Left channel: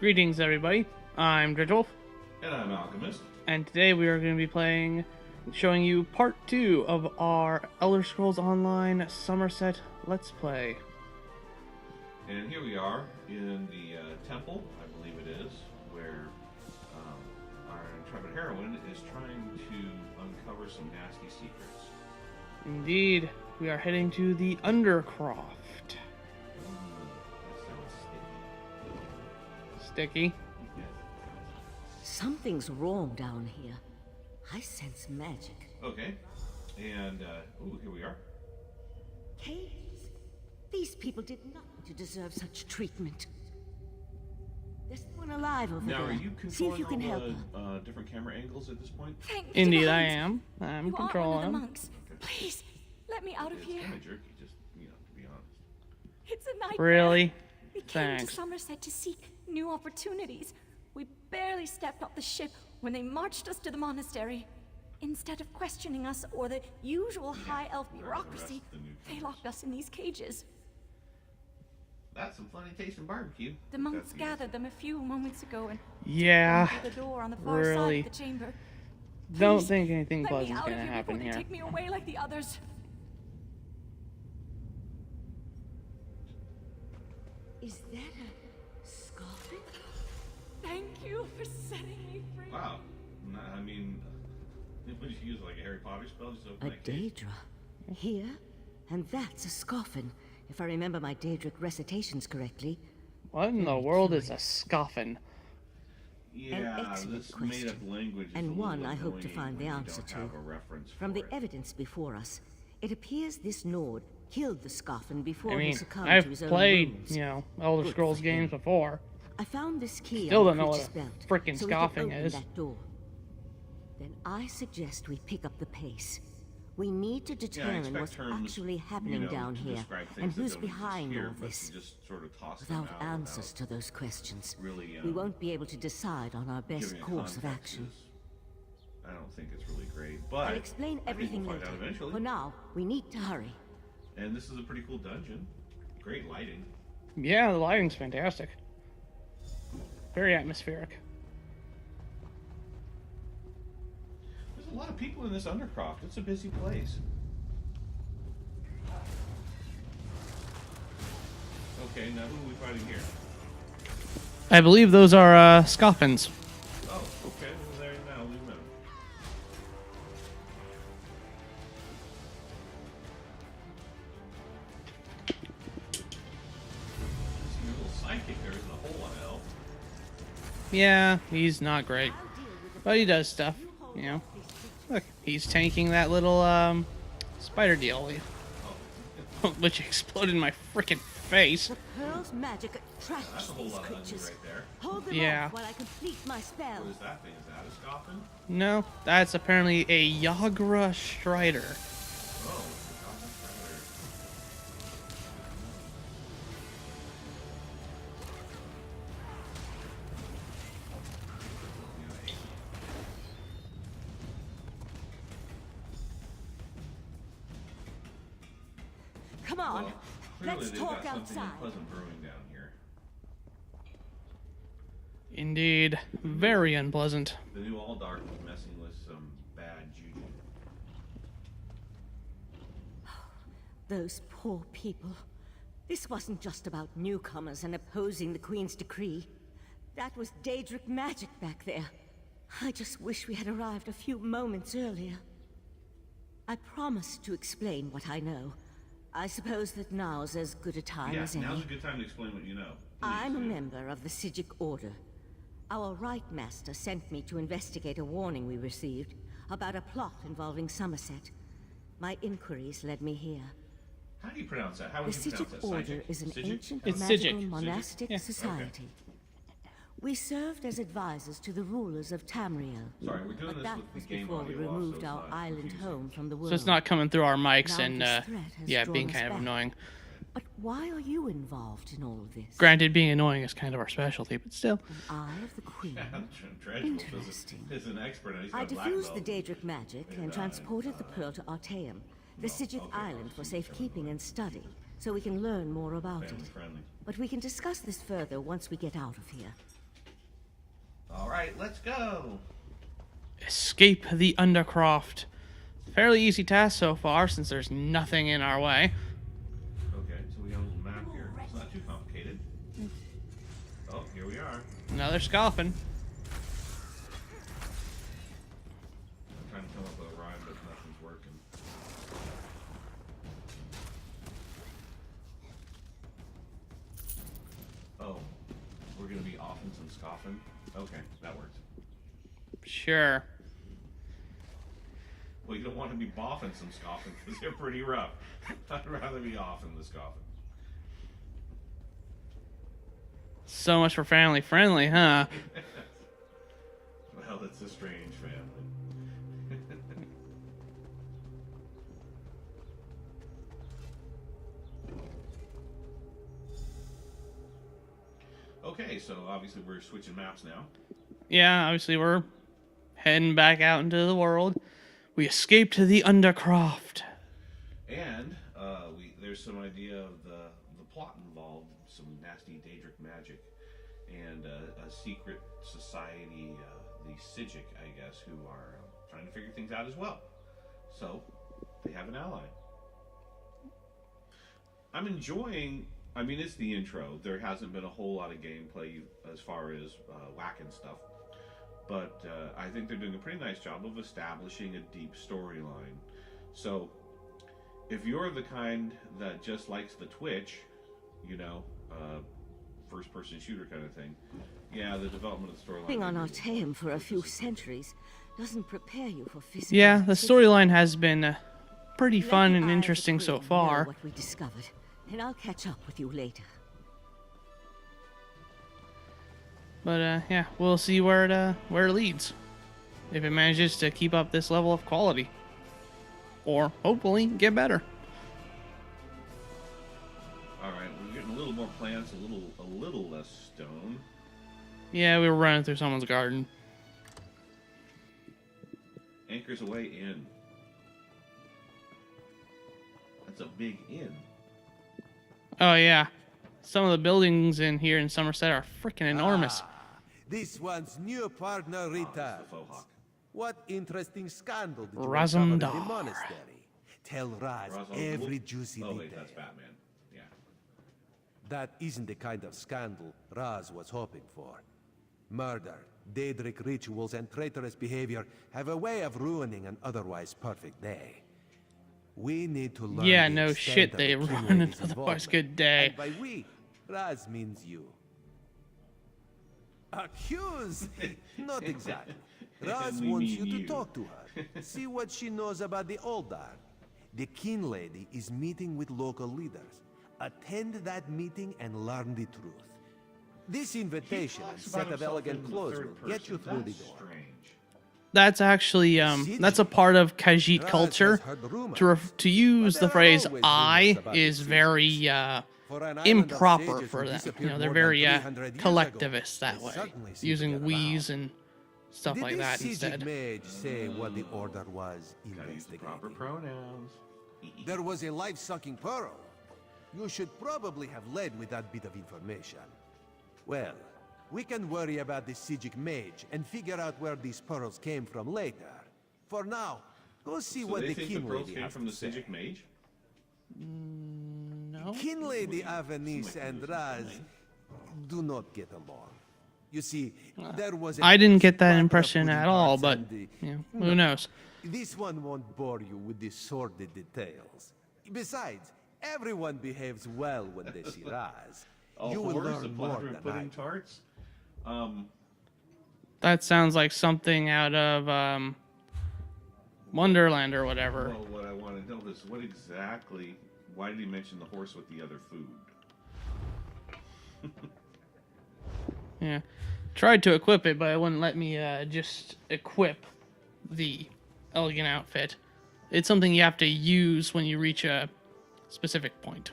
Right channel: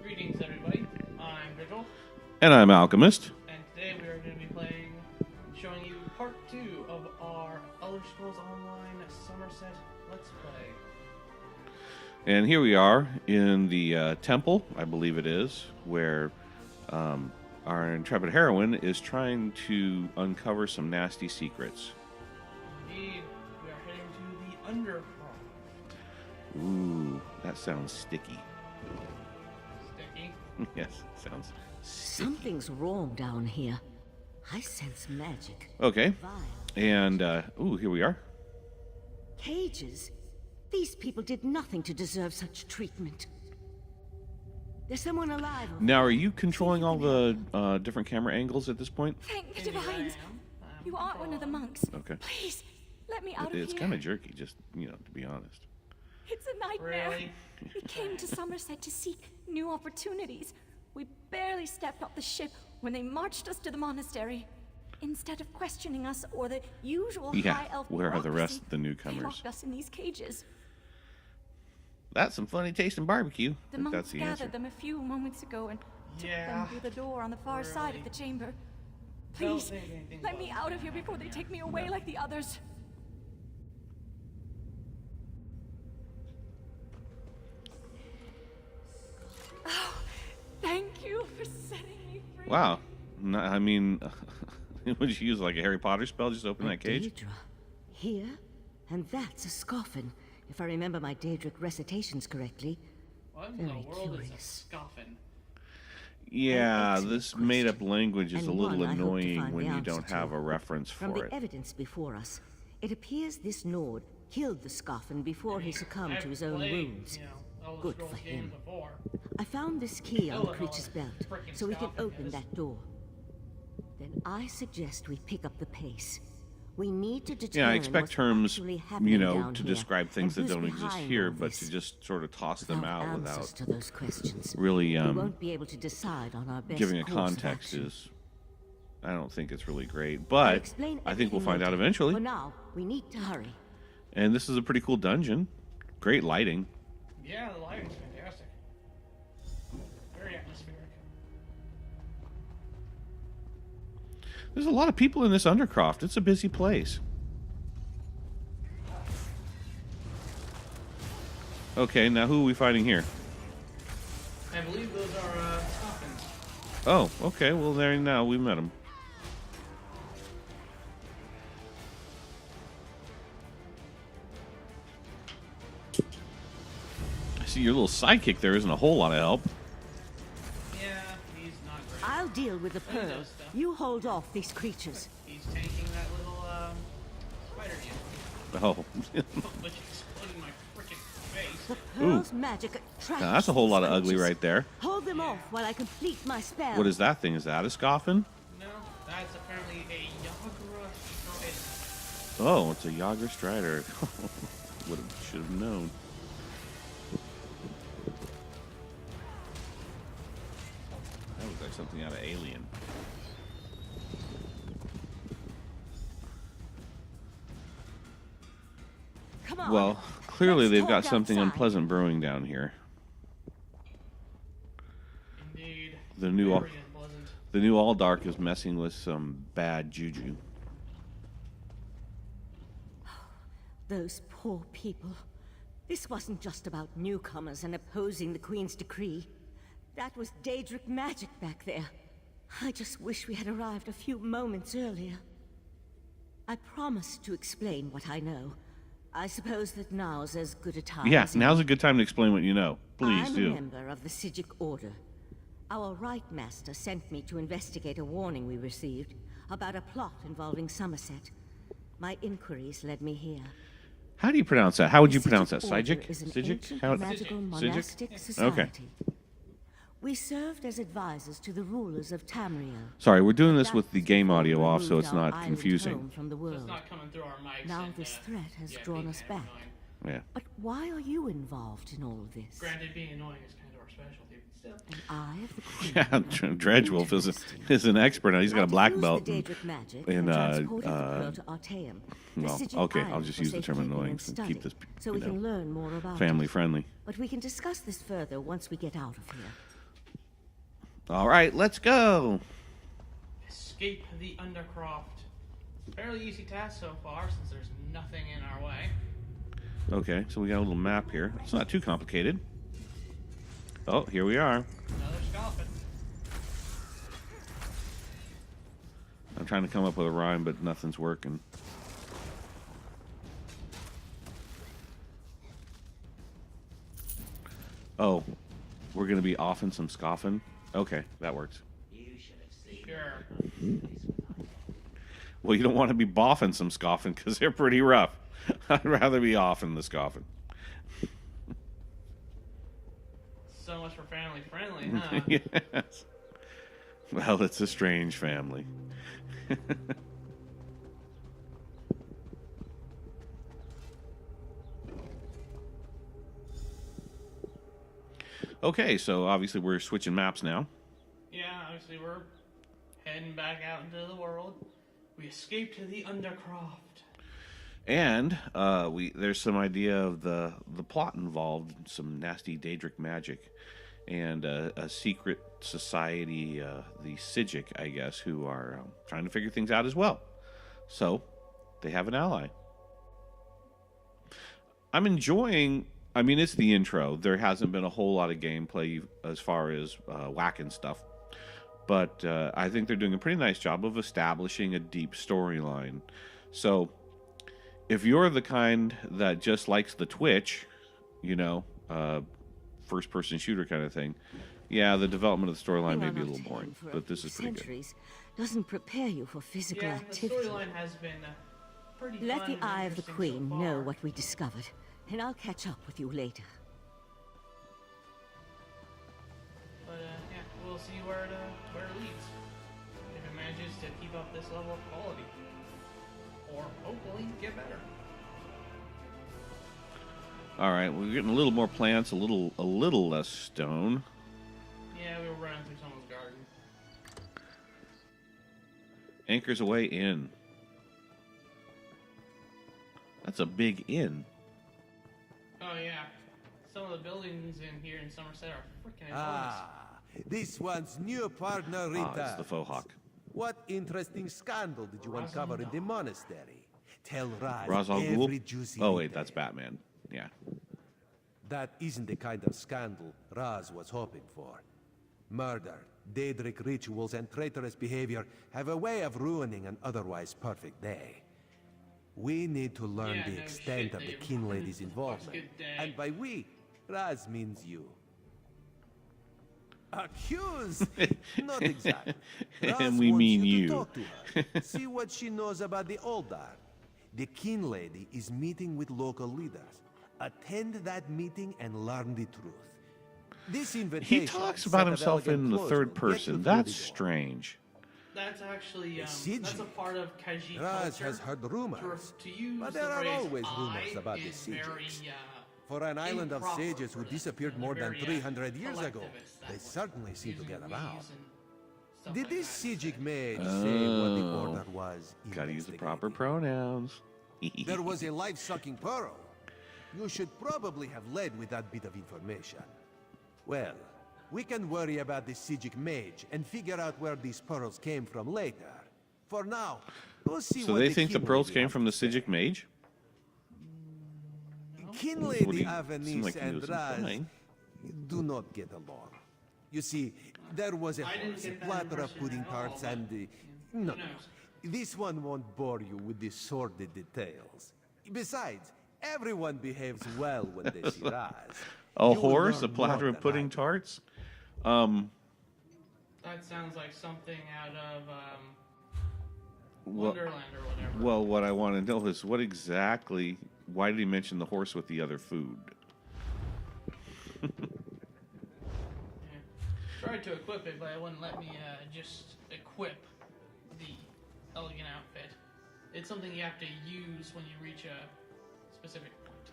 Greetings, everybody. I'm Dredgewolf, And I'm Alchemist. and today we are going to be showing you part 2 of our Elder Scrolls Online Summerset Let's Play. And here we are in the temple, I believe it is, where our intrepid heroine is trying to uncover some nasty secrets. Indeed, we are heading to the Undercroft. Ooh, that sounds sticky. Sticky. Yes, it sounds Something's wrong down here. I sense magic. Okay. And, ooh, here we are. Cages? These people did nothing to deserve such treatment. There's someone alive over Now, there. are you See if controlling you all can the help her. different camera angles at this point? Thank Indeed, I divines. am. I'm You aren't one of the controlling. monks. Okay. Please, let me out of It's here. kind of jerky, just, to be honest. It's a nightmare. Really? We came to Thanks. Summerset to seek new opportunities. We barely stepped off the ship when they marched us to the monastery. Instead of questioning us or the usual Yeah, high elf where are the rest bureaucracy, of the newcomers? they locked us in these cages. That's some funny tasting barbecue. The if monks that's the gathered answer. them a few moments ago and Yeah. took them through the door on the far side Really. of the chamber. Don't Please, think anything let me pleasant's out gonna of here happen before they here. take me away like the others. Is that a scarf? Oh, thank you for setting me free. Wow. I mean, would you use like a Harry Potter spell? Just open A that cage? Daedra. Here? And that's a scoffin, if I remember my Daedric recitations correctly. What in the Very world is a curious. scoffin? Yeah, excellent this made-up question, language is and a little one I hope to annoying find when the you answer don't have to. a reference From for the it. evidence before us, it appears this Nord killed the scoffin before I he mean, succumbed I've to his own played, wounds. Elder Good Scrolls for games him. before. I found this key Still on the don't know creature's what belt, a frickin' so we can scoffing open is. that door. Then I suggest we pick up the pace. We need to Yeah, I determine expect what's terms, actually happening down to here, describe and things that who's don't exist behind here, all but this. to just sort of toss them Without out answers without to those questions, really we won't be able to decide on our best giving a course of context action. is, I don't think it's really great. I'll But explain I think everything we'll find out later. eventually. For now, we need to hurry. And this is a pretty cool dungeon. Great lighting. Yeah, the lighting's fantastic. Very atmospheric. There's a lot of people in this Undercroft. It's a busy place. Okay, now who are we fighting here? I believe those are scoffins. Oh, okay. Well, there now we met him. I see your little sidekick there isn't a whole lot of help. Yeah, he's not great. I'll deal with the But he pearl. does stuff. You hold Yeah. off these creatures. Look, he's tanking that little spider deal, Oh, which exploded in my freaking face. The pearl's magic attracts now that's a whole lot of these ugly creatures. right there. Hold them Yeah. off while I complete my spell. What is that thing? Is that a scoffin? No, that's apparently a Yagra Strider. Oh, it's a Yaga Strider. Should have known. That looks like something out of Alien. Come on. Well, clearly Let's they've got talk something outside. unpleasant brewing down here. Indeed, The new very unpleasant. The new All Dark is messing with some bad juju. Those poor people. This wasn't just about newcomers and opposing the Queen's decree. That was Daedric magic back there. I just wish we had arrived a few moments earlier. I promised to explain what I know. I suppose that now's as good a time Yeah, as now's any. a good time to explain what you know. Please I'm a do. member of the Sijic Order. Our Right Master sent me to investigate a warning we received about a plot involving Summerset. My inquiries led me here. How do you pronounce that? How would The you pronounce that? Sijic Order Sijic? is an Sijic? ancient How- magical Sijic. monastic Yeah. society. We served as advisors to the rulers of Tamriel. Sorry, we're doing But this that with the was game before we audio off, so removed it's our not island confusing. home from the So it's world. not coming through our mics Now and, this threat has yeah, drawn being us kind of back. annoying. Yeah. But why are you involved in all of this? Granted, being annoying is kind of our specialty, but still. An eye of the Queen. Yeah, Dredgewolf is an expert now. He's got I a black diffused belt. the Daedric magic and, and transported the pearl to Artaeum, the well, Sijic okay, I'll Island just for use the term safekeeping annoying and to study, keep this, so we can learn more about family it. friendly. But we can discuss this further once we get out of here. All right, let's go. Escape the Undercroft. Fairly easy task so far, since there's nothing in our way. Okay, so we got a little map here. It's not too complicated. Oh, here we are. Another scoffin. I'm trying to come up with a rhyme, but nothing's working. Oh, we're going to be offing some scoffing? Okay, that works. Sure. Well, you don't want to be boffing some scoffing because they're pretty rough. I'd rather be offing the scoffing. So much for family friendly, huh? Yes. Well, it's a strange family. Okay, so obviously we're switching maps now. Yeah, obviously we're heading back out into the world. We escaped the Undercroft. And there's some idea of the plot involved, some nasty Daedric magic, and a secret society, the Sijic, I guess, who are trying to figure things out as well. So they have an ally. I'm enjoying. I mean, it's the intro. There hasn't been a whole lot of gameplay as far as whacking stuff, but I think they're doing a pretty nice job of establishing a deep storyline. So if you're the kind that just likes the Twitch, you know, first-person shooter kind of thing, yeah, the development of the storyline Being may on be a our little boring, tame for a but few this is pretty good. centuries doesn't prepare you for physical Yeah, the activity. storyline has been pretty Let fun the and Eye of the interesting so Queen far. know what we discovered, and I'll catch up with you later. But yeah, we'll see where it leads. If it manages to keep up this level of quality, or hopefully get better. All right, we're getting a little more plants, a little less stone. Yeah, we were running through someone's garden. Anchors away in. That's a big inn. Oh yeah, some of the buildings in here in Somerset are freaking enormous. This one's new partner Oh, returns. it's the faux hawk. What interesting scandal did you Razumdar. uncover in the monastery? Tell Raz Ra's al Ghul? every juicy Oh wait, detail. that's Batman. Yeah. That isn't the kind of scandal Raz was hoping for. Murder, Daedric rituals, and traitorous behavior have a way of ruining an otherwise perfect day. We need to learn Yeah, the no extent shit, of they the King ruin an Lady's otherwise involvement. good day. And by we, Raz means you. Accuse? Not exactly. Raz And we wants mean you you. to talk to her. See what she knows about the Oldar. The King Lady is meeting with local leaders. Attend that meeting and learn the truth. This He invitation talks set about of himself elegant in the clothes third will get you person. through That's the door. strange. That's actually that's a part of Khajiit Raz culture. has heard rumors, To use but the there are phrase always "I" rumors about the is Sijics. very For an island of improper sages for who that. You disappeared know, they're more very than 300 years ago, collectivist that they way, certainly seem to using get we's around. and stuff Did like this that Sijic instead. mage say what the Oh. order was Gotta use the proper investigating? pronouns. There was a life-sucking pearl. You should probably have led with that bit of information. Well, we can worry about the Sijic mage and figure out where these pearls came from later. For now, go see So what they the think the King pearls Lady came has from to the say. Sijic mage? No? King What do Lady you- Avanice seemed like he and was Raz implying. do not get along. You see, there was a I didn't horse, get that platter of impression pudding at all, tarts, but and the- yeah, No, who knows? This one won't bore you with the sordid details. Besides, everyone behaves well when they see Raz. A You will horse, a learn more platter of than pudding I do. tarts? That sounds like something out of Wonderland or whatever. Well, what I want to know is what exactly. Why did he mention the horse with the other food? Yeah. Tried to equip it, but it wouldn't let me just equip the elegant outfit. It's something you have to use when you reach a specific point.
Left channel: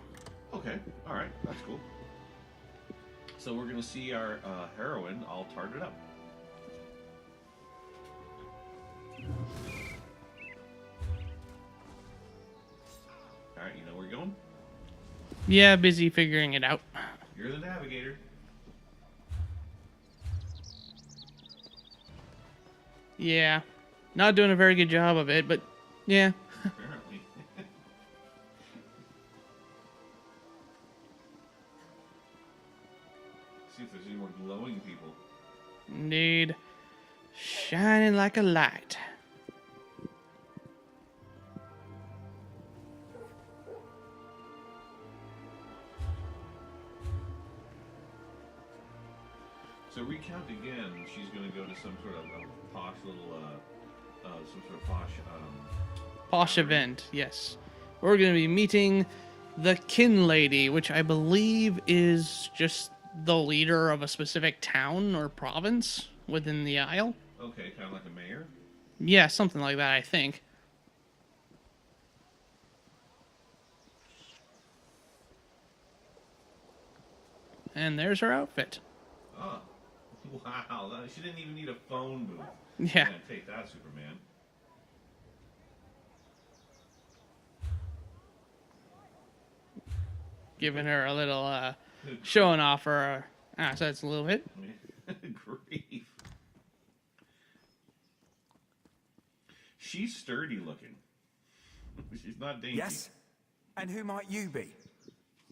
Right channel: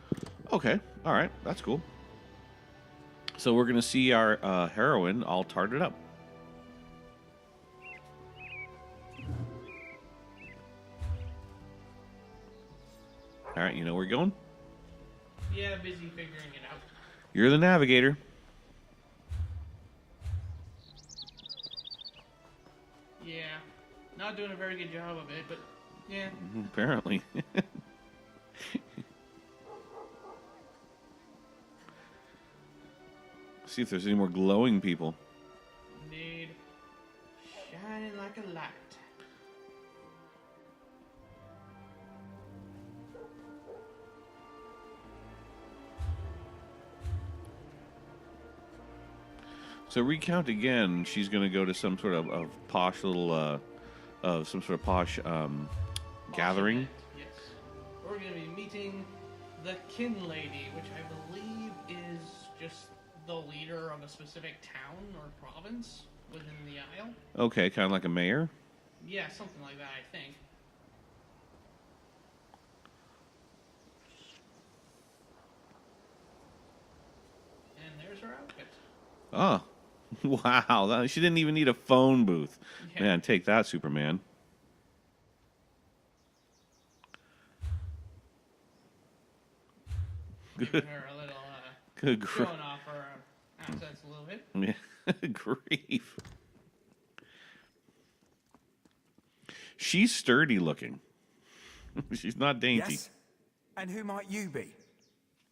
Okay, all right, that's cool. So we're gonna see our heroine all tarted up. All right, you know where you're going? Yeah, busy figuring it out. You're the navigator. Yeah. Not doing a very good job of it, but yeah. Apparently. See if there's any more glowing people. Indeed. Shining like a light. So recount again. She's going to go to some sort of posh little, some sort of posh, Posh gathering. event, yes. We're going to be meeting the Kin Lady, which I believe is just the leader of a specific town or province within the Isle. Okay, kind of like a mayor. Yeah, something like that, I think. And there's her outfit. Oh, wow! She didn't even need a phone booth. Yeah. Man, take that, Superman. Giving her a little, Good grief. showing off her assets a little bit. Grief. She's sturdy looking. She's not dainty. Yes? And who might you be?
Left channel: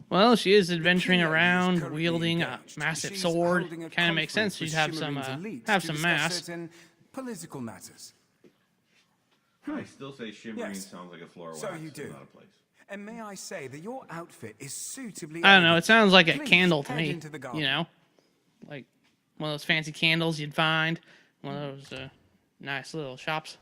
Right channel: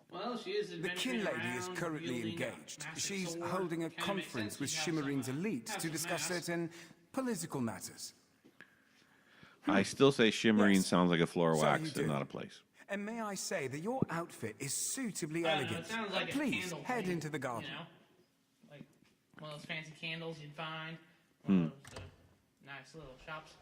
Well, she is adventuring Kin Lady is around, currently wielding a engaged. massive She's sword. holding a Kind of makes sense. She'd conference have with some, Shimmerin's elite have to some discuss mass. certain political matters. I still say shimmering Yes. sounds like a floor So wax you and do. not a place. And may I say that your outfit is suitably I don't know. It elegant. sounds like a Please, candle to head me. into the garden. You know, like one of those fancy candles you'd find. One of those nice little shops.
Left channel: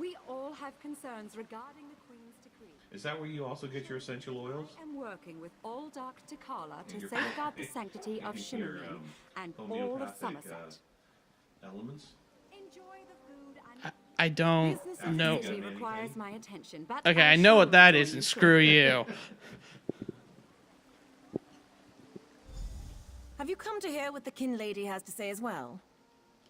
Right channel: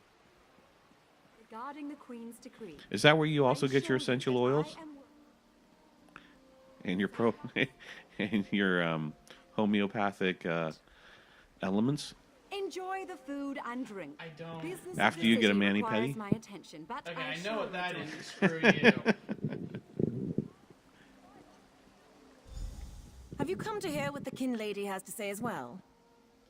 We all have concerns regarding the Queen's decree. Is that where you also I get your assure you essential that oils? I am working with all Dark Takala And to your safeguard the sanctity of and your Shimmerin and all homeopathic Somerset. elements? Enjoy the food and drink. I don't Business After know. you get a activity mani-pedi? requires my attention, but Okay, I I'll know what surely that join is, you. and screw you. Have you come to hear what the Kin Lady has to say as well?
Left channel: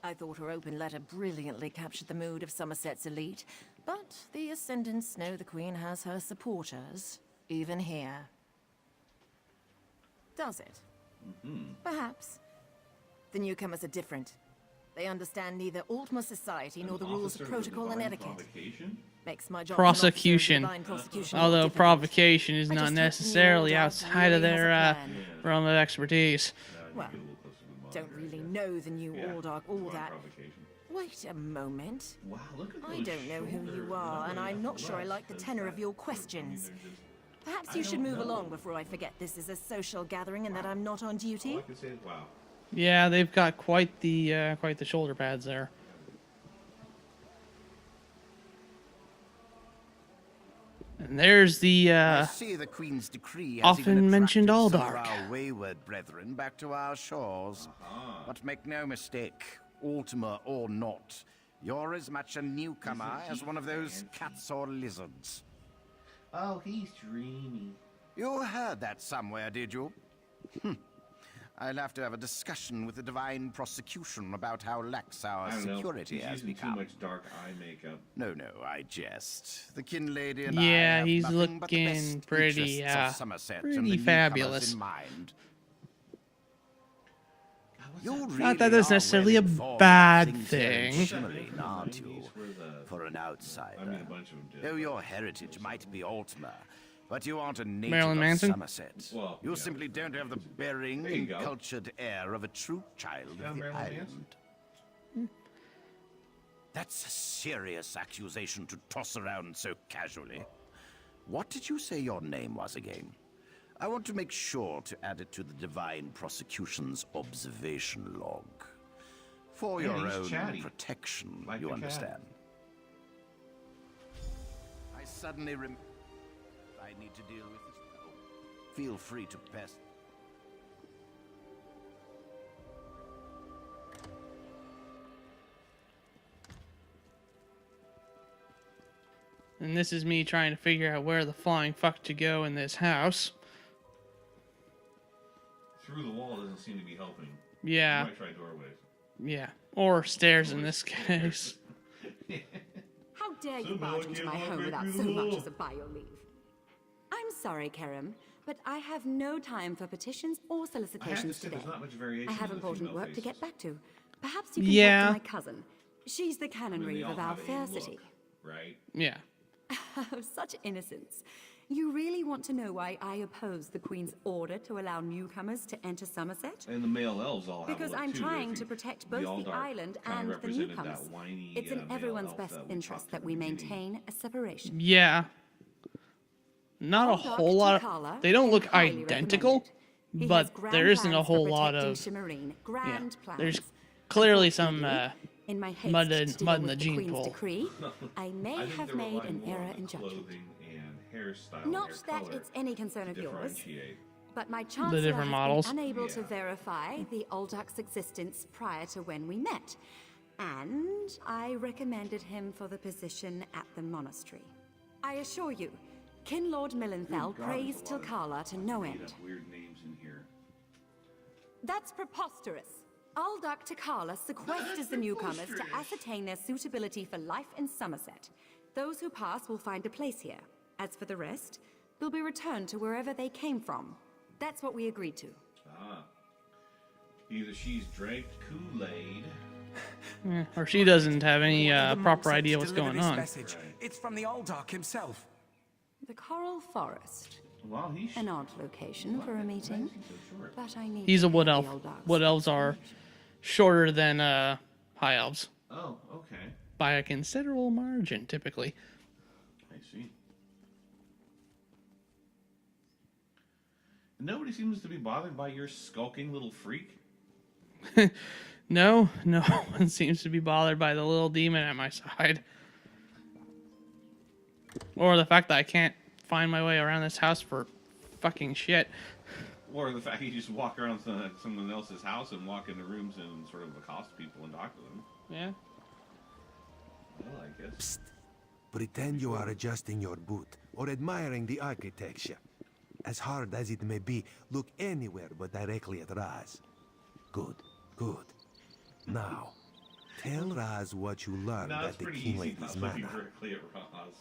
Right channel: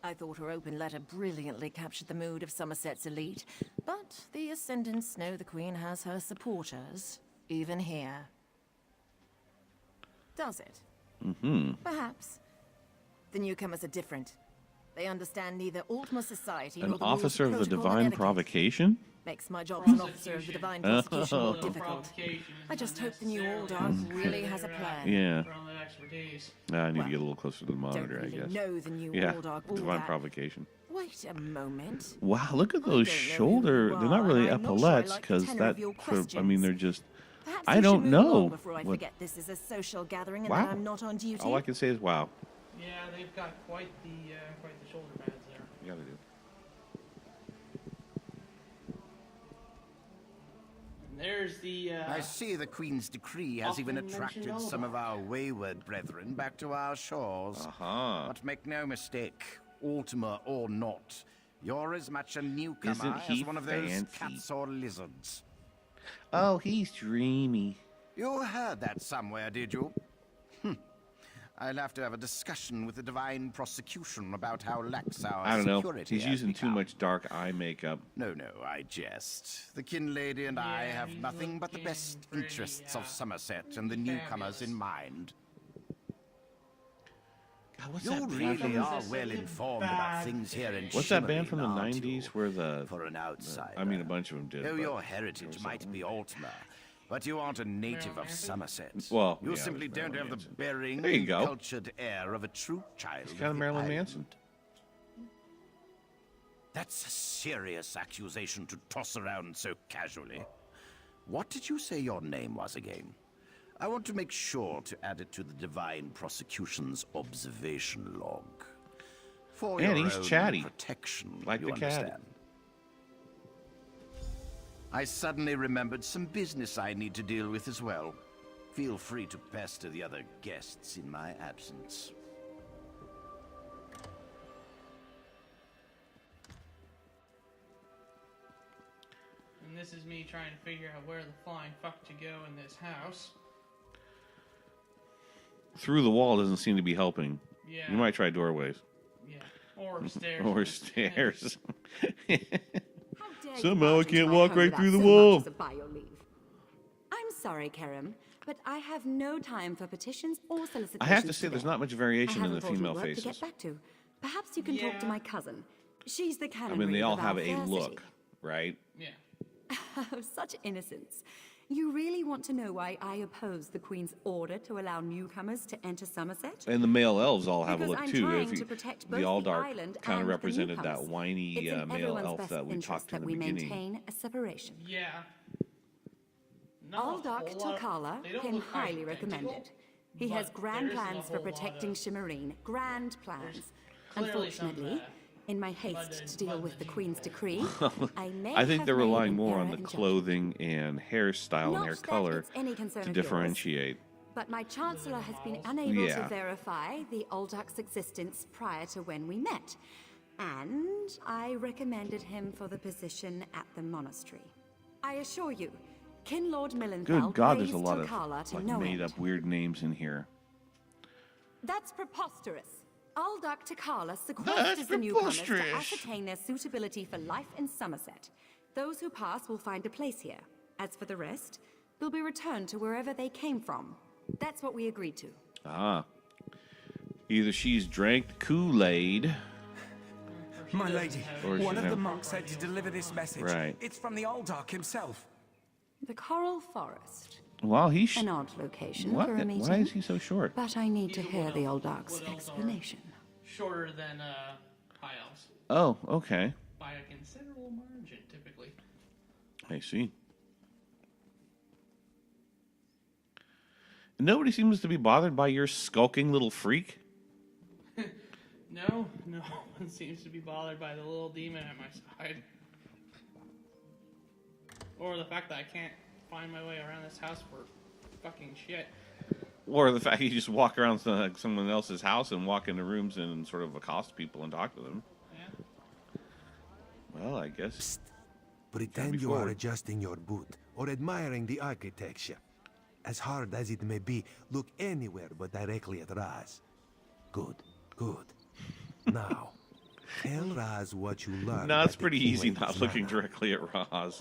I thought her open letter brilliantly captured the mood of Somerset's elite, but the Ascendants know the Queen has her supporters, even here. Does it? Mm-hmm. Perhaps. The newcomers are different. They understand neither Ultima society An nor the rules officer of of the protocol and divine etiquette. provocation? Makes my job Prosecution. as an officer of the divine prosecution Although difficult. provocation is I not just hope the new necessarily order outside of really has a their plan. Yeah. realm of expertise. I need Well, to get a little closer to the Don't monitor, I really guess. know the new Yeah, order, all divine that. provocation. Wait a moment. Wow, look at I those don't know who shoulder. you They're are, not really and I'm not sure I epaulets like the because tenor of your I mean, questions. they're just. Perhaps I you don't should move know along before I what- forget this is a social gathering and Wow. that I'm not on duty. All I can say is wow. Yeah, they've got quite the shoulder pads there. And there's the I see the Queen's decree has even often mentioned attracted some of Aldark. our wayward brethren back to our shores. Uh-huh. But make no mistake, Ultima or not, you're as much a newcomer Isn't as he one of those fancy? cats or lizards. Oh, he's dreamy. You heard that somewhere, did you? I'll have to have a discussion with the divine prosecution about how lax our I don't know. security He's has using too become. much dark eye makeup. No, I jest. The Kin Lady and I Yeah, have he's nothing but the looking best pretty, interests of Somerset and pretty the fabulous. newcomers in mind. God, what's You that? really Not that that's are necessarily a well-informed bad about things here in thing. What's that band from the Shimmerin, aren't you? 90s where the. For an outsider. I mean, a bunch of them did. Though but- your heritage might be Ultima, but you aren't a native Marilyn of Manson? Somerset. Well, you yeah, simply don't Marilyn have the Manson. bearing There you and go. cultured air of a true child got a of the Marilyn island. Manson. That's a serious accusation to toss around so casually. What did you say your name was again? I want to make sure to add it to the divine prosecution's observation log. For Man, your he's own chatty. protection, Like you the cat. understand. I suddenly remembered some business I need to deal with as well. Feel free to pester the other guests in my absence. And this is me trying to figure out where the flying fuck to go in this house. Through the wall doesn't seem to be helping. Yeah. You might try doorways. Yeah. Or stairs in Or this stairs. case. How dare you Somehow I barge into can't my walk home right without through the so wall. much as a by your leave? I'm sorry, Kerem, but I have no time for petitions or solicitations I have to say, today. there's not much I variation in have the important female work faces. to get back to. Perhaps you can Yeah. talk to my cousin. She's the I canon mean, they reader all of our have a fair look, city. right? Yeah. Oh, such innocence. You really want to know why I oppose the Queen's order to allow newcomers to enter Somerset? And the male elves all have Because a look I'm too. trying If to you- protect the both the Aldark island kind of and the represented newcomers. that whiny It's in male everyone's elf best that we interest talked to in that the we beginning. maintain a separation. Yeah. Not a Aldark whole lot. Tukala They don't can look highly identical, recommend it. He but has grand there isn't a plans whole for lot protecting of. Shimmerine. Grand plans. There's clearly some Unfortunately, in my haste mud to in deal the with the gene Queen's pool. decree, I may I think have they're made relying an more error on the in judgment. clothing and hairstyle and Not hair that color it's any concern to of yours, differentiate. but my chancellor different has models? been unable to Yeah. verify the Aldark's existence prior to when we met, and I recommended him for the position at the monastery. I assure you, Kin Lord Good Millenfell God, there's praised a lot Tilkala of to like, no made end. up weird names in here. That's preposterous. Aldark Tikala sequesters the newcomers to preposterous. ascertain their suitability for life in Somerset. Those who pass will find a place here. As for the rest, they'll be returned to wherever they came from. That's what we agreed to. Ah. Either she's drank Kool-Aid. Or she My doesn't lady, have any one of the proper monks idea has what's delivered going this on. message. Right. It's from the Aldark himself. The Coral Forest. Well, he's An odd location what? for a Why meeting. is he so short? But I need He's to a wood hear the elf. Aldark's Wood elves are explanation. shorter than high elves Oh, okay. by a considerable margin, typically. I see. Nobody seems to be bothered by your skulking little freak. No one seems to be bothered by the little demon at my side. Or the fact that I can't find my way around this house for fucking shit. Or the fact you just walk around someone else's house and walk into rooms and sort of accost people and talk to them. Yeah. Well, I guess. Pretend you are adjusting your boot or admiring the architecture. As hard as it may be, look anywhere but directly at Raz. Good, good. Now, tell Raz what you learned. No, it's at the pretty King easy Lady's not looking manor. directly at Roz.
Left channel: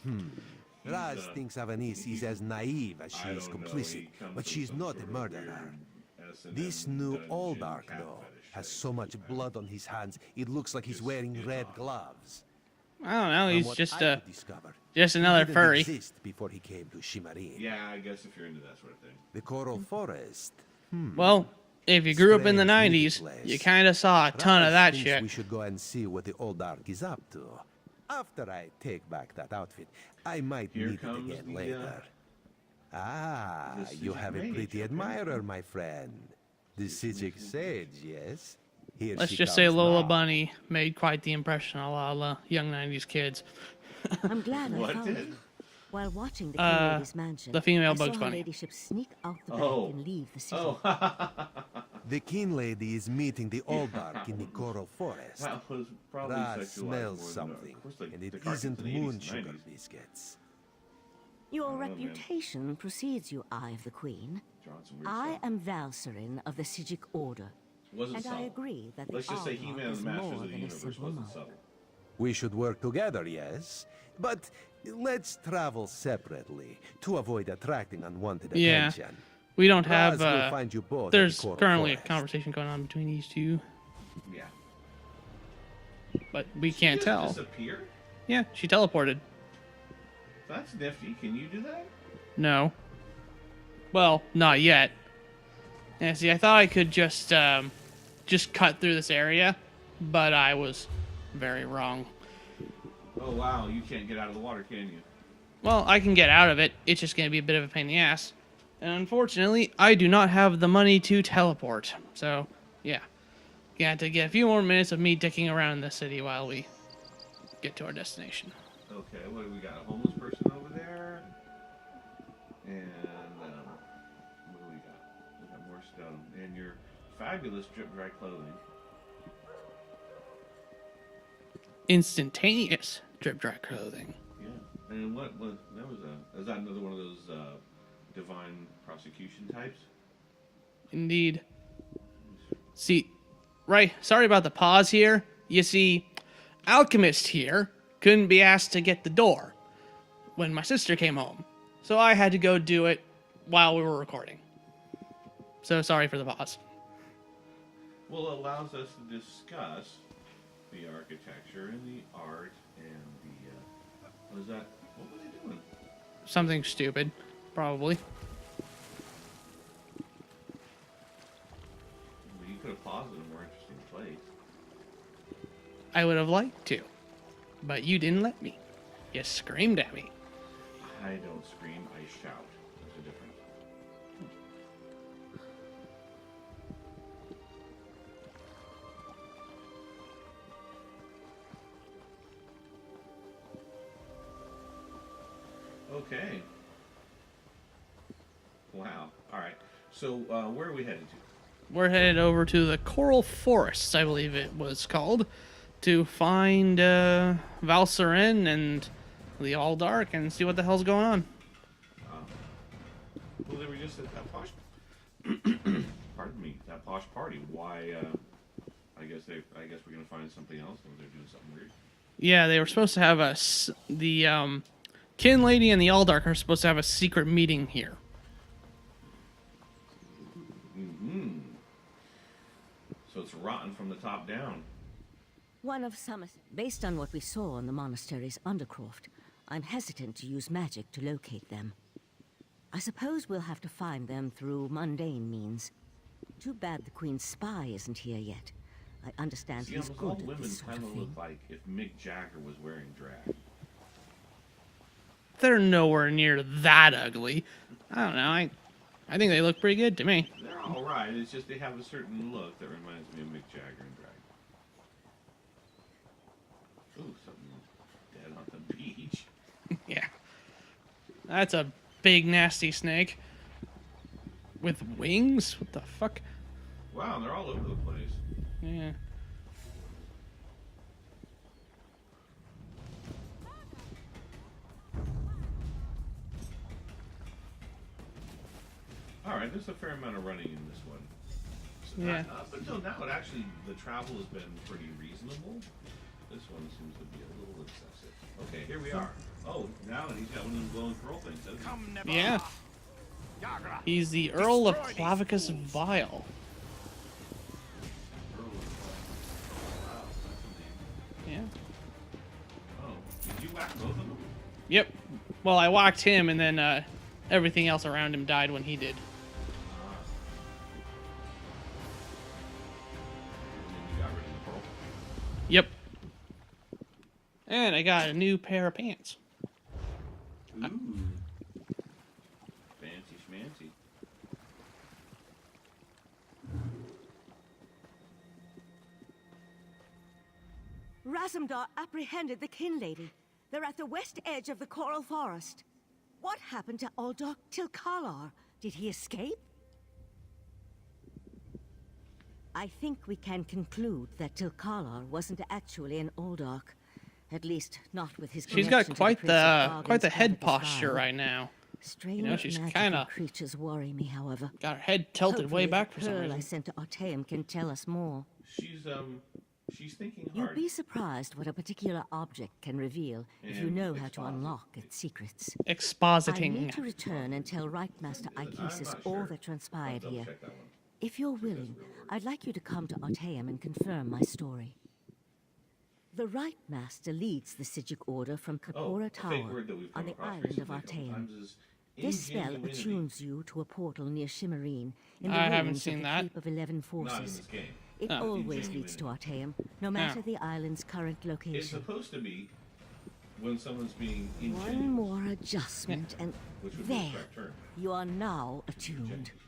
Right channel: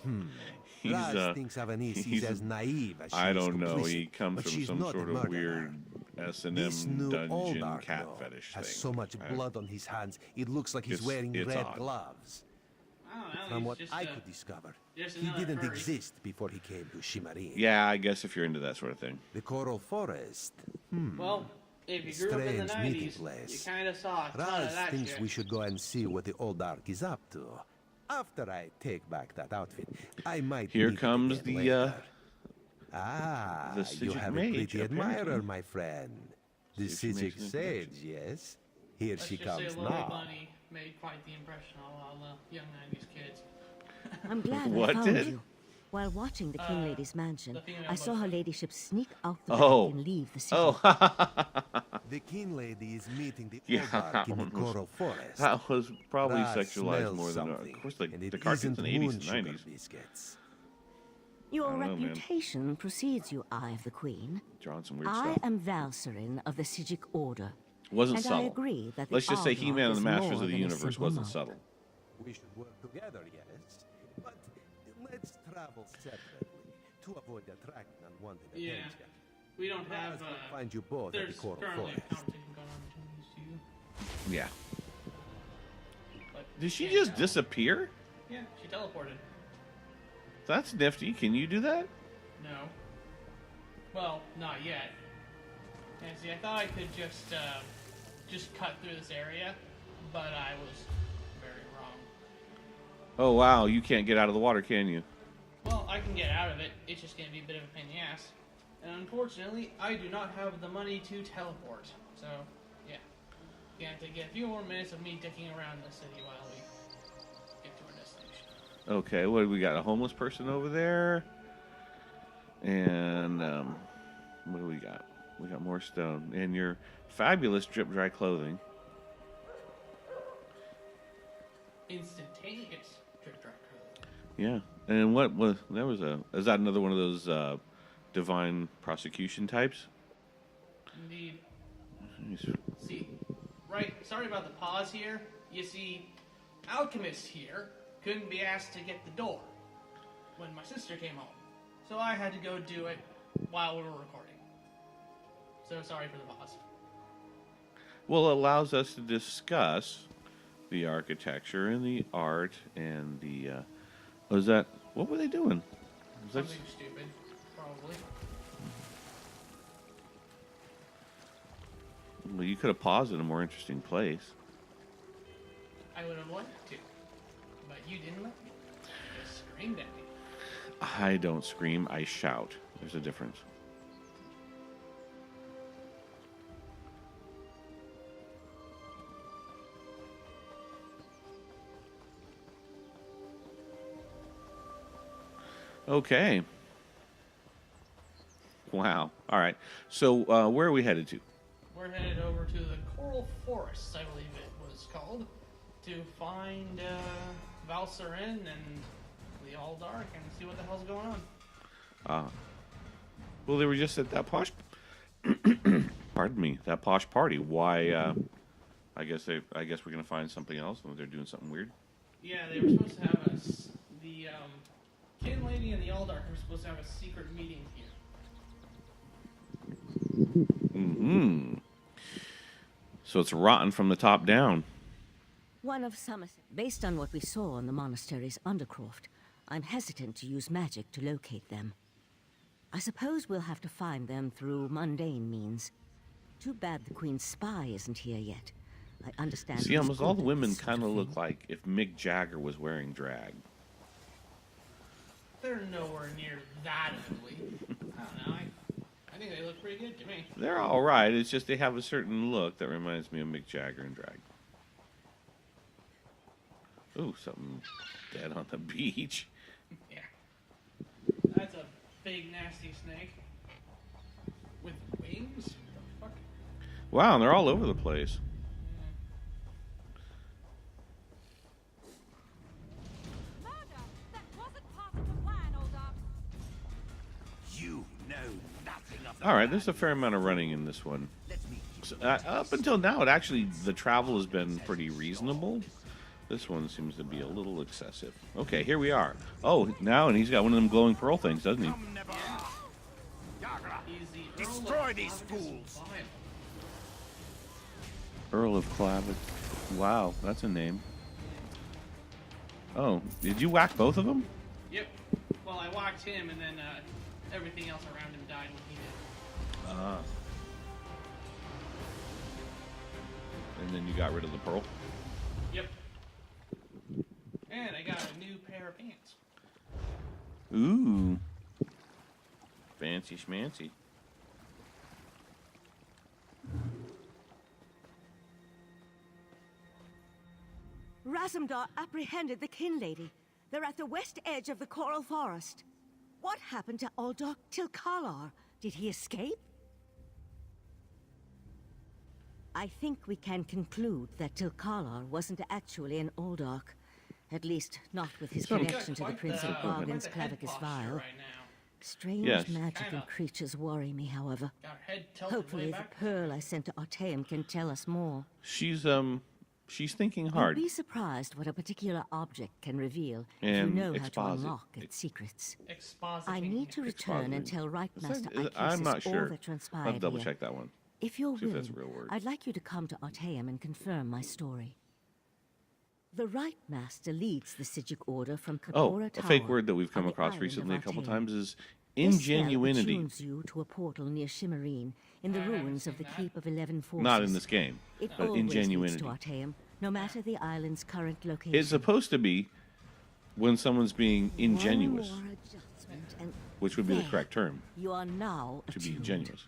He's, Raz thinks Avanice he's- is as naive as she I is don't know. complicit, He comes but from she's some not sort a of murderer. weird S&M This new dungeon Aldark, cat though, fetish has thing. so much I- blood on his hands, it looks like he's It's- wearing it's red odd. gloves. I don't know. From He's what just I could discover, just he another didn't furry. exist before he came to Shimmerine. Yeah, I guess if you're into that sort of thing. The Coral Forest. Well, if you grew up in the Strange meeting 90s, place. you kind of saw a ton of Raz that thinks shit. we should go and see what the Aldark is up to. After I take back that outfit, I might Here meet it comes again the, later. Ah, the you Sijic have a mage, pretty admirer, apparently. my friend. The Sijic Sijic mage. sage, yes? Here Let's she just say comes Lola now. Bunny made quite the impression on a lot of young 90s kids. I'm glad I What found did? you. While watching the King Lady's mansion, the female I saw Bugs her Bunny. ladyship sneak out the Oh. back and leave the city. Oh, The King Lady is meeting the Yeah, Aldark in the that was- Coral Forest. that was probably Raz sexualized smells more than something, of course, the, and the it cartoons isn't in the 80s moon and sugar 90s. biscuits. Your I don't know, man. reputation precedes you, Eye of the Queen. Drawing some weird I stuff. am Valcerin of the Sijic Order, Wasn't and subtle. I agree that the Let's just say Aldark He-Man and is the Masters more of the than a Universe simple wasn't monk. subtle. We should work together, yes, but let's travel separately to avoid attracting unwanted Yeah. attention. We don't Raz have. will find you both at There's the Coral currently Forest. a conversation going on between these two, Yeah. but we Did she can't just tell. disappear? Yeah, she teleported. That's nifty. Can you do that? No. Well, not yet. Yeah, see, I thought I could just cut through this area, but I was very wrong. Oh wow, you can't get out of the water, can you? Well, I can get out of it. It's just gonna be a bit of a pain in the ass. And unfortunately, I do not have the money to teleport. So, yeah. Gonna have to get a few more minutes of me dicking around the city while we get to our destination. Okay, what do we got? A homeless person over there, and what do we got? We got more stone and your fabulous drip dry clothing. Instantaneous drip dry clothing. Yeah, and what was there was a is that another one of those divine prosecution types? Indeed. See, right, sorry about the pause here. You see, Alchemist here couldn't be asked to get the door when my sister came home. So I had to go do it while we were recording. So sorry for the pause. Well, it allows us to discuss the architecture and the art and the. Was that what were they doing? Something stupid, probably. Well, you could have paused in a more interesting place. I would have liked to, but you didn't let me. You screamed at me. I don't scream, I shout. There's a difference. Okay. Wow. All right. So, where are we headed to? We're headed over to the Coral Forests, I believe it was called, to find Valserin and the All Dark and see what the hell's going on. Well, they were just at that posh. Pardon me, that posh party. Why? I guess we're gonna find something else. Or they're doing something weird. Yeah, they were supposed to have the Kin Lady and the All Dark are supposed to have a secret meeting here. So it's rotten from the top down. One of Summerset. Based on what we saw on the monastery's undercroft, I'm hesitant to use magic to locate them. I suppose we'll have to find them through mundane means. Too bad the Queen's spy isn't here yet. I understand See, he's almost all good the at women this sort kind of of look thing. like if Mick Jagger was wearing drag. They're nowhere near that ugly. I don't know. I think they look pretty good to me. They're all right. It's just they have a certain look that reminds me of Mick Jagger in drag. Ooh, something dead on the beach. Yeah. That's a big, nasty snake. With wings? What the fuck? Wow, they're all over the place. Yeah. All right, there's a fair amount of running in this one. So, Yeah. up until now, the travel has been pretty reasonable. This one seems to be a little excessive. Okay, here we are. Oh, now, and he's got one of them glowing pearl things, doesn't he? Yeah. He's the Earl of Clavicus Vile. Earl of Clavicus. Wow, that's a name. Yeah. Oh, did you whack both of them? Yep. Well, I whacked him, and then everything else around him died when he did. And then you got rid of the pearl? Yep. And I got a new pair of pants. Ooh. Fancy schmancy. Razumdar apprehended the Kin Lady. They're at the west edge of the Coral Forest. What happened to Uldark Tilkalar? Did he escape? I think we can conclude that Tilkalar wasn't actually an Uldark. At least, not with his She's connection got to quite the Prince of the Bargain's head Clavicus posture Vile. right now. Strange Yeah, she's magical kinda- creatures worry me, however. Got her head tilted Hopefully way back the for some pearl I reason. sent to Artaeum can tell us more. She's thinking You'd hard. be surprised what a particular object can reveal if you And know how to exposit. unlock its secrets. Expositing. I need to return and tell Right Master I'm Icasis not sure. all that I'll transpired double here. check that one. If you're See if that's willing, a real word. I'd like you to come to Artaeum and confirm my story. The Right Master leads the Sijic Order from Oh, Kapora a Tower. fake word that we've come on the across island of recently a couple Artaeum. times is This spell ingenuity. attunes you to a portal near Shimmerine in the I haven't ruins of seen the that. Keep of 11 Forces. Not in this game. It Oh. always leads Ingenuity. to Artaeum, no matter the island's current location. It's supposed to be when someone's being ingenuous, One more adjustment, and which would be the there. correct term. You are now To be attuned. ingenuous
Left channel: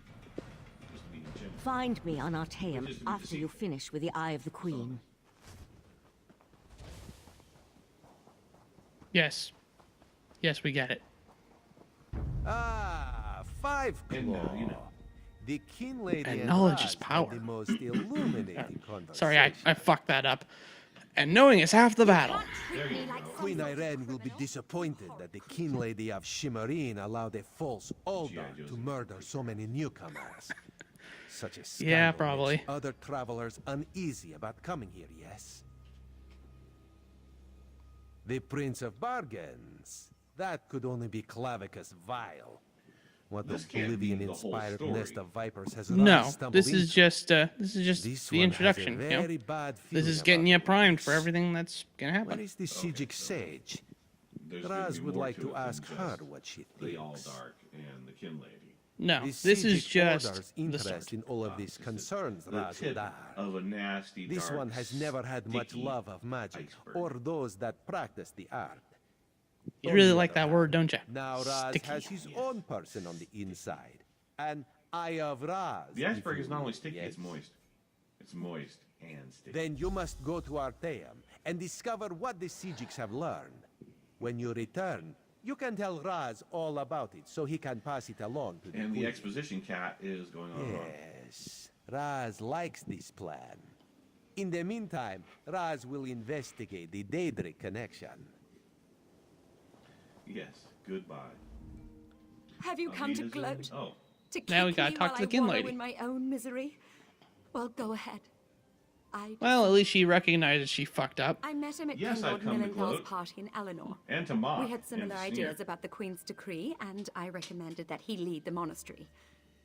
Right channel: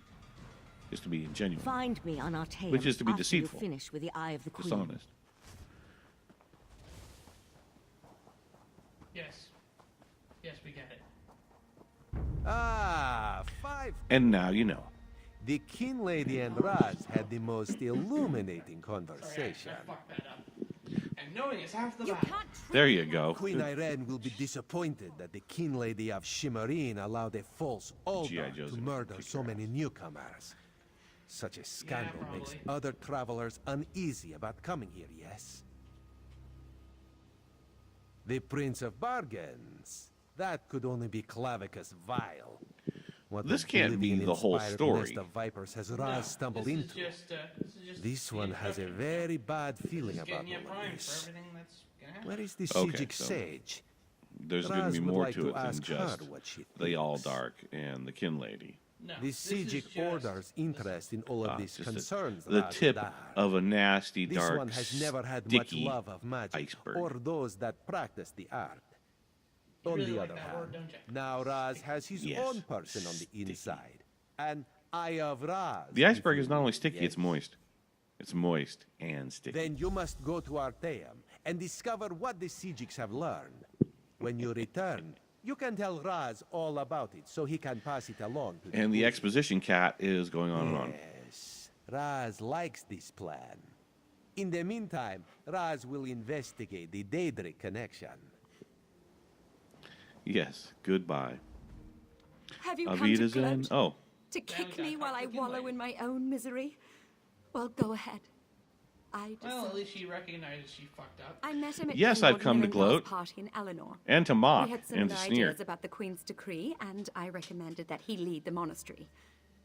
is to be ingenuous. Find me on Artaeum Which is to be after you deceitful. finish with the Eye of the Queen. Dishonest. Yes. Yes, we get it. Ah, 5 And now you know. The Kin Lady And and knowledge is Raz power. had the most illuminating conversation. Sorry, I fucked that up. And knowing is half the battle. There you go. Queen Irene will be disappointed that the Kin Lady of Shimmerine allowed a false Uldark to Joseph. murder so many newcomers. Such a scandal Yeah, probably. makes other travelers uneasy about coming here, yes? The Prince of Bargains. That could only be Clavicus Vile. What This can't be the whole oblivion-inspired story. nest of vipers has No, Raz stumbled this is into? just This the one has a introduction. you know? very bad This feeling is getting about you all primed this. for everything that's gonna happen. Where is the Okay, Sijic so sage? There's going to Raz be would more like to to it than ask her just what she the thinks. All Dark and the Kin Lady. No, The this is Sijic just Order's the interest start. in all of this Just concerns the Raz tip Dar. of a nasty, This dark, one has never had much sticky love of magic iceberg. or those that practice the art. You On really the like other that hand, word, don't you? Now Raz Sticky. has his Yes. own person on the inside. An Eye of Raz. The if iceberg you is not only will, sticky, it's yes? moist. It's moist and sticky. Then you must go to Arteum and discover what the Sijics have learned. When you return, you can tell Raz all about it so he can pass it along to And the Queen. exposition cat is going on and on. Yes, Raz likes this plan. In the meantime, Raz will investigate the Daedric connection. Yes, goodbye. Have you Auf come to Wiedersehen. gloat? Oh, To Now we kick gotta me talk while to I the kin wallow lady. in my own misery? Well, go ahead. Well, at least she recognizes she fucked up. I met him at Yes, Lord I've come to Millenthall's gloat. party in Eleanor. and to mock We had and similar to sneer. ideas about the Queen's decree, and I recommended that he lead the monastery.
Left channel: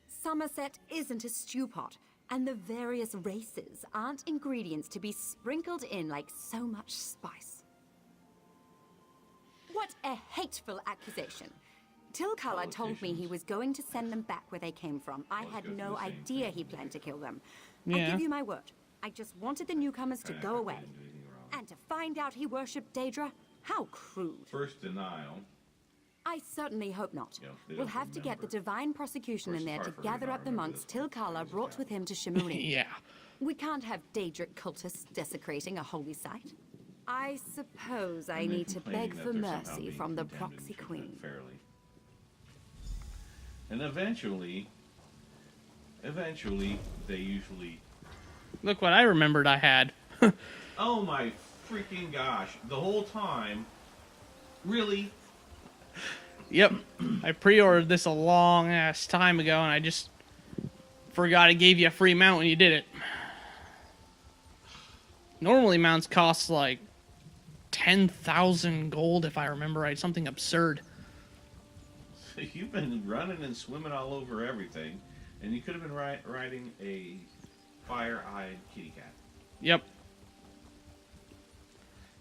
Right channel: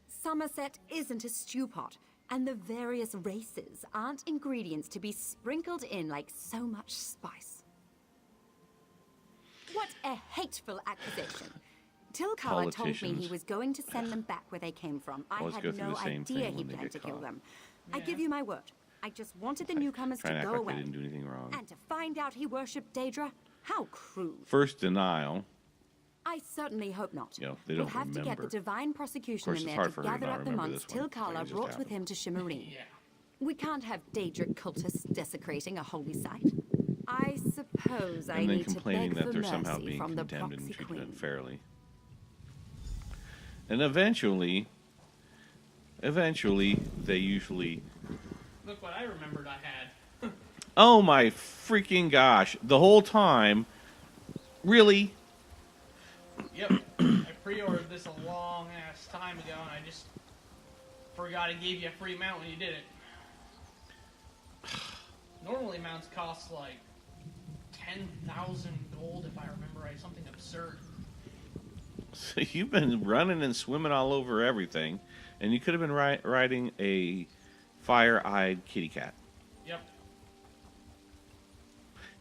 Somerset isn't a stew pot, and the various races aren't ingredients to be sprinkled in like so much spice. What a hateful accusation. Tilkala told me he Politicians. was going to send them back where they came from. I Always go had through no the same idea thing he when they planned to get kill caught. them. Yeah. I give you my word. I just wanted the newcomers Trying to act go like away. they didn't do anything wrong. And to find out he worshipped Daedra? How crude. First denial. I certainly hope not. Yeah, they We'll don't have to get the remember. divine prosecution Of course, in it's there hard to for me gather not up the remember monks this one. Tilkala Just brought with him happened. to Shimmerin. Yeah. We can't have Daedric cultists desecrating a holy site. I suppose I And then need to complaining beg that for they're somehow mercy being from the condemned and proxy treated queen. unfairly. And eventually, they usually. Look what I remembered I had. Oh my freaking gosh! The whole time, really? Yep. I pre-ordered this a long ass time ago, and I just forgot it gave you a free mount when you did it. Normally, mounts cost like 10,000 gold, if I remember right. Something absurd. So you've been running and swimming all over everything, and you could have been riding a fire-eyed kitty cat. Yep.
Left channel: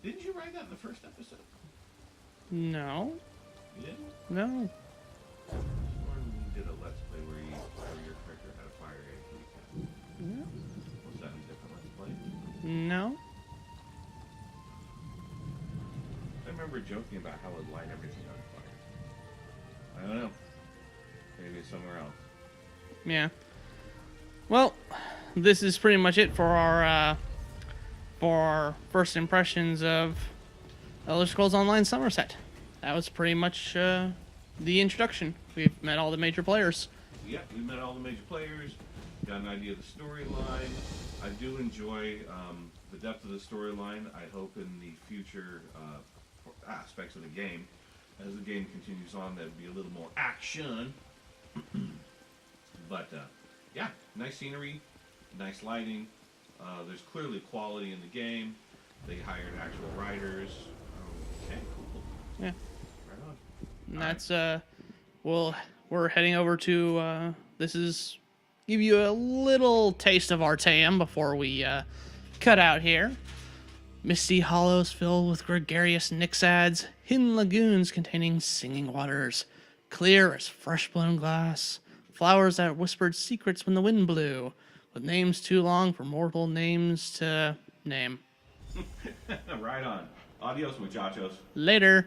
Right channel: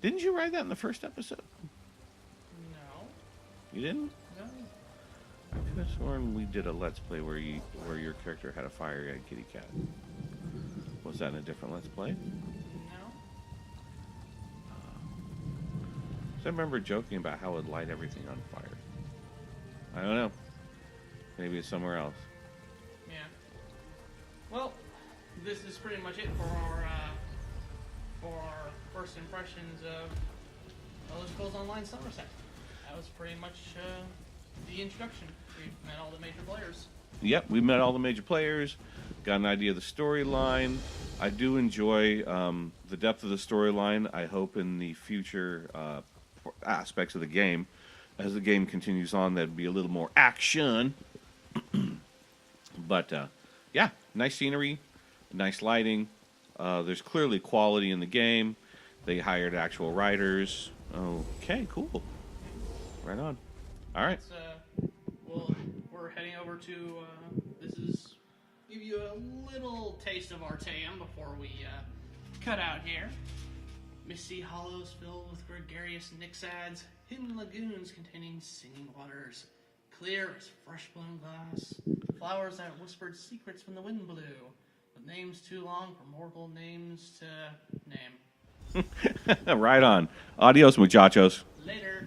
Didn't you ride that in the first episode? No. You didn't? No. I could have sworn we did a Let's Play where your character had a fire-eyed kitty cat. Was that in a different Let's Play? No. So I remember joking about how it would light everything on fire. I don't know. Maybe it's somewhere else. Yeah. Well, this is pretty much it for our first impressions of Elder Scrolls Online Summerset. That was pretty much the introduction. We've met all the major players. Yep, we met all the major players, got an idea of the storyline. I do enjoy the depth of the storyline. I hope in the future aspects of the game, as the game continues on, there'd be a little more action. But yeah, nice scenery, nice lighting. There's clearly quality in the game. They hired actual writers. Okay, cool. Yeah. Right on. All right. That's we're heading over to this is give you a little taste of Artaeum before we cut out here. Misty hollows filled with gregarious nixads, hidden lagoons containing singing waters, clear as fresh blown glass, flowers that whispered secrets when the wind blew, with names too long for mortal names to name. Right on. Adios, muchachos. Later.